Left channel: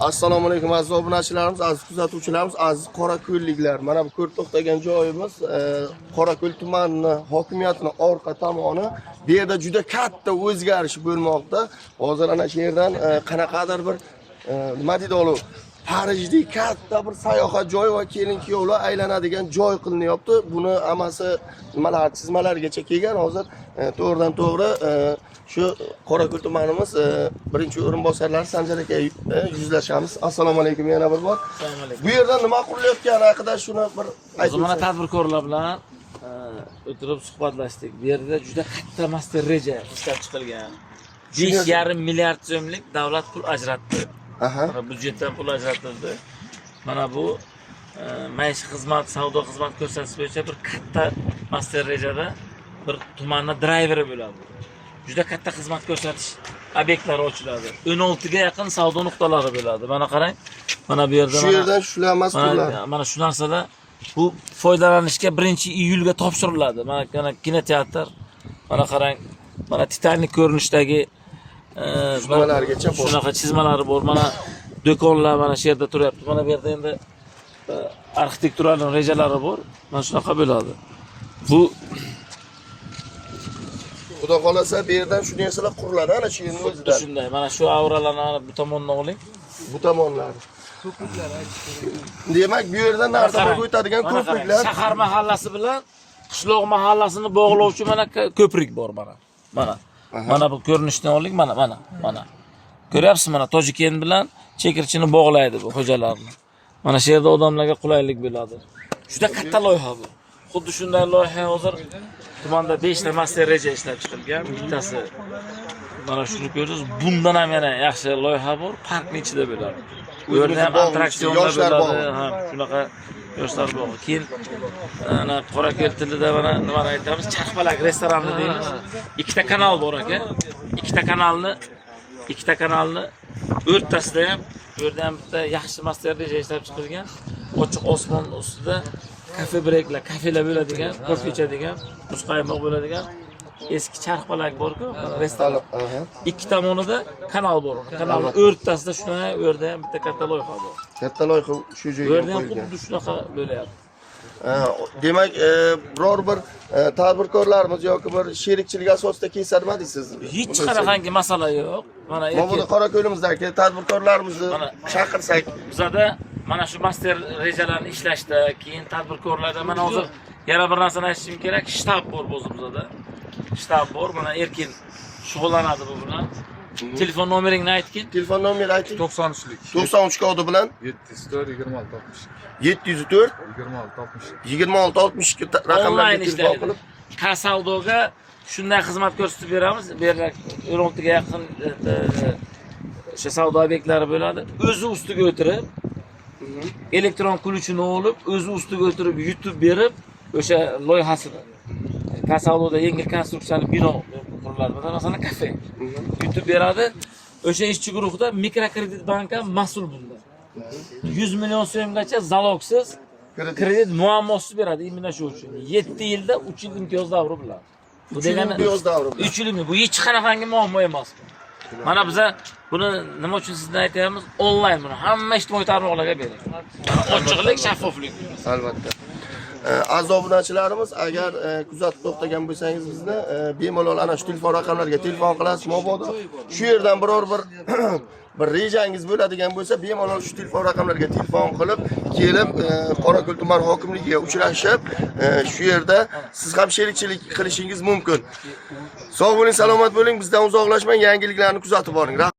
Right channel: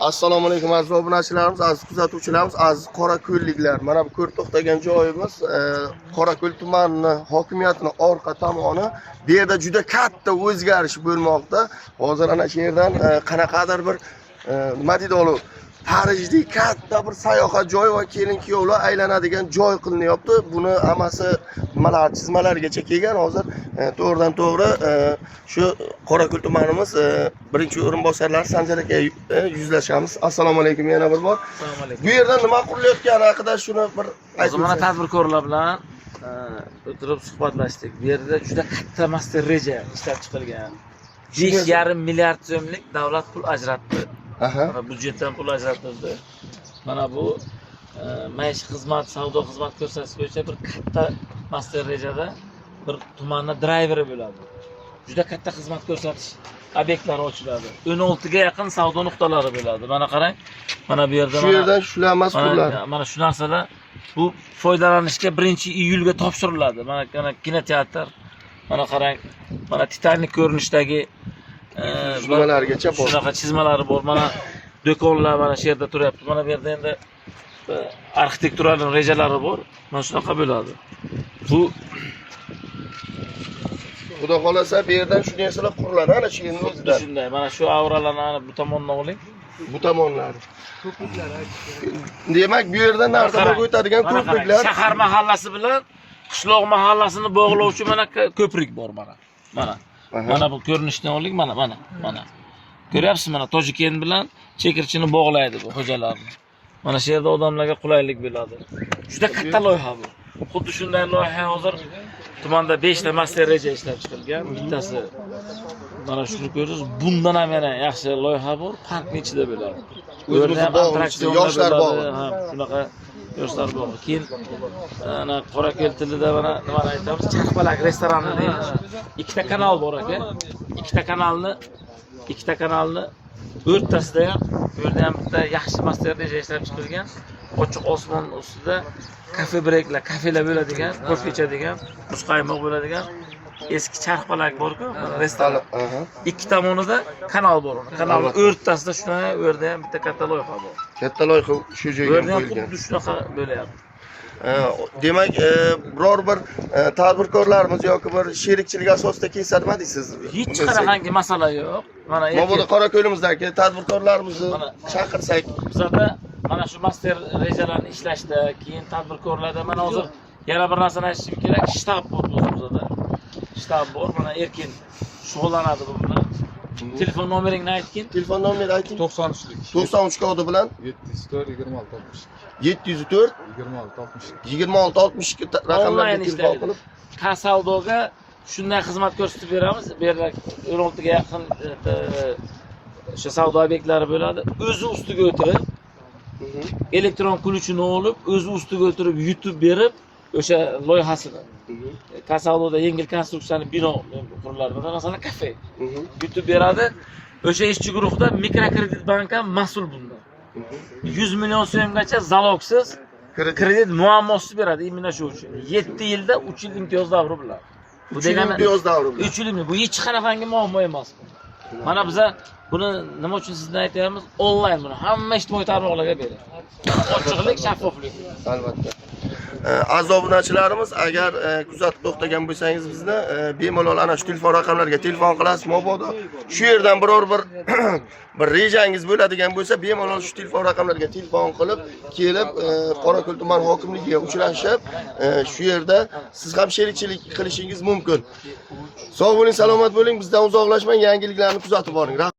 Assalomu alaykum aziz obunachilarimiz, aziz kuzatuvchilarimiz, aziz Qorako'lliklar. Mana bu ko'rib to'xtagan joyimiz Qorako'l tumani hokimiyatining orqa tomoni. Bu yerda juda katta o'zgarish bo'lmoqda. Hozir ana shu yerdan qanaqadir bir nima deydi olov Parijdek katta bir sayohat joy va kelin-kuyovlar aylanadigan joy qilinyapti. Buni amasi nimalar chizmalargacha kelgan. Hozir to'g'ridan to'g'ri shu Qorako'l tumanimiz birinchi o'rinbosarlari Sanjar aka yuzlashamiz. Assalomu alaykum yana bir bor. Assalomu alaykum. Bu yerda nima qurilayotgani haqida shuni bir Hozir mana tadbirkorlar bilan o'tirib suhbatlashdik. Bu yerda juda katta master reja ishlab chiqilgan. 5,5 milliard so'mlik davlat pul ajratdi. Mana budjetdan pul ajratildi. Mana bu maishiy xizmat, savdo xizmat ko'rsatish bo'yicha bir katta master rejada bir tumanning drayveri bo'ladi. Juda katta xizmat ko'rsatish obyektlari ochiladi. 16 ga yaqin savdo nuqtalari bo'ladi. Mana qarang. Mana bu yerda shu yerdan shular mas'ullar. Mana shu narsalar bu foydalanishga 1-iyulga topshiriladi. Mana kinoteatr. Mana qarang. Mana Titanik ko'rinishdagi chizmalargacha bor. Shunaqa chizmalari bor. Mana do'konlar mana shu yerda turyapti. Mana bu yerda endi arxitekturalik rejalari bor. Mana shunaqa bo'ladi. Bu Xudo xolasa bu yerdan shu narsalar quriladi. Ana shu yerning o'zida. shunday. Mana shu avralarni bu tomondan oling. Bu tomonlari. Demak, bu yerdan narsa bo'lib o'tadigan ko'priklar. Shahar mahallasi bilan qishloq mahallasini bog'lovchi mana ko'prik bor mana. Mana bu ko'rinishdan oling, mana. Ko'ryapsiz mana Tojiken bilan Chekirchini bog'laydi bu xo'jalarni. Mana shu yerda odamlarga qulaylik bo'ladi. Juda katta loyiha bu. Xuddi shunday loyiha hozir tumanda 5 ta master reja ishlab chiqilgan. Bittasi mana shuni ko'rasiz. Bundan ham yana yaxshi loyiha bor, parkning ichida bo'ladi. Bu yerda ham attraksionlar bo'ladi. Ha, shunaqa yoshlar bor. Keyin ana Qorako'l tilida mana nimani aytamiz? Charxpalak restorani deymiz. Ikkita kanal bor aka. Ikkita kanalni o'rtasida ham bu yerda ham bitta yaxshi master reja ishlab chiqilgan. Ochiq osmon ustida kafe breaklar, kafelar bo'ladigan, kofe ichadigan, muzqaymoq bo'ladigan eski charxpalak bor-ku, restoran. Ikki tomonida kanal bor. Kanalning o'rtasida shuna yerda ham bitta katta loyiha bor. Katta loyiha shu joyga Bu yerda ham xuddi shunaqa bo'layapti. Demak, biror bir tadbirkorlarimiz yoki bir sherikchilik asosida kelsa nima deysiz? Hech qanaqangi masala yo'q. Mana bu Qorako'limizdagi tadbirkorlarimizni chaqirsak, bizada mana shu master rejalarni ishlashda, keyin tadbirkorlarda mana hozir yana bir narsani aytishim kerak, shtab bor o'zimizda. Shtab bor, mana erkin shug'ullanadi bu bilan. Telefon nomeringni aytgin. Telefon nomeri ayting. 93'lük. 93 kodi bilan 704 26 60. 704 26 60. 26 62 raqamlarga telefon qilib Kasavdoga shunday xizmat ko'rsatib beramiz. Bu yerda 16 ga yaqin o'sha savdo obyektlari bo'ladi. O'zi ustiga o'tirib, elektron ключini olib, o'zi ustiga o'tirib yutib berib, o'sha loyihasini Kasavdoda yengil konstruksiyali bino quriladi. Masalan, kafe yutib beradi. O'sha ishchi guruhda mikrokredit bank ham mas'ul bundan. 100 million so'mgacha zalogsiz kredit muammosiz beradi imina shu uchun. 7 yilda 3 yil imtiyoz davri bilan. Bu degani 3 yil bu hech qanaqangi muammo emas. Mana biz buni nima uchun sizdan aytamiz? Onlayn buni hamma ijtimoiy tarmoqlarga bering. Ochiqlik, shaffoflik. Albatta. Aziz obunachilarimiz, agar kuzatib to'xtagan bo'lsangiz bizni bemalol ana shu telefon raqamlariga telefon qilasiz. Mabodo shu yerdan biror bir bir rejangiz bo'ladigan bo'lsa, bemalol shu telefon raqamlariga telefon qilib, kelib Qorako'l tuman hokimligiga uchrashib, shu yerda siz ham sherikchilik qilishingiz mumkin. Sog' bo'ling, salomat bo'ling, bizdan uzoqlashmang, yangiliklarni kuzatib boring.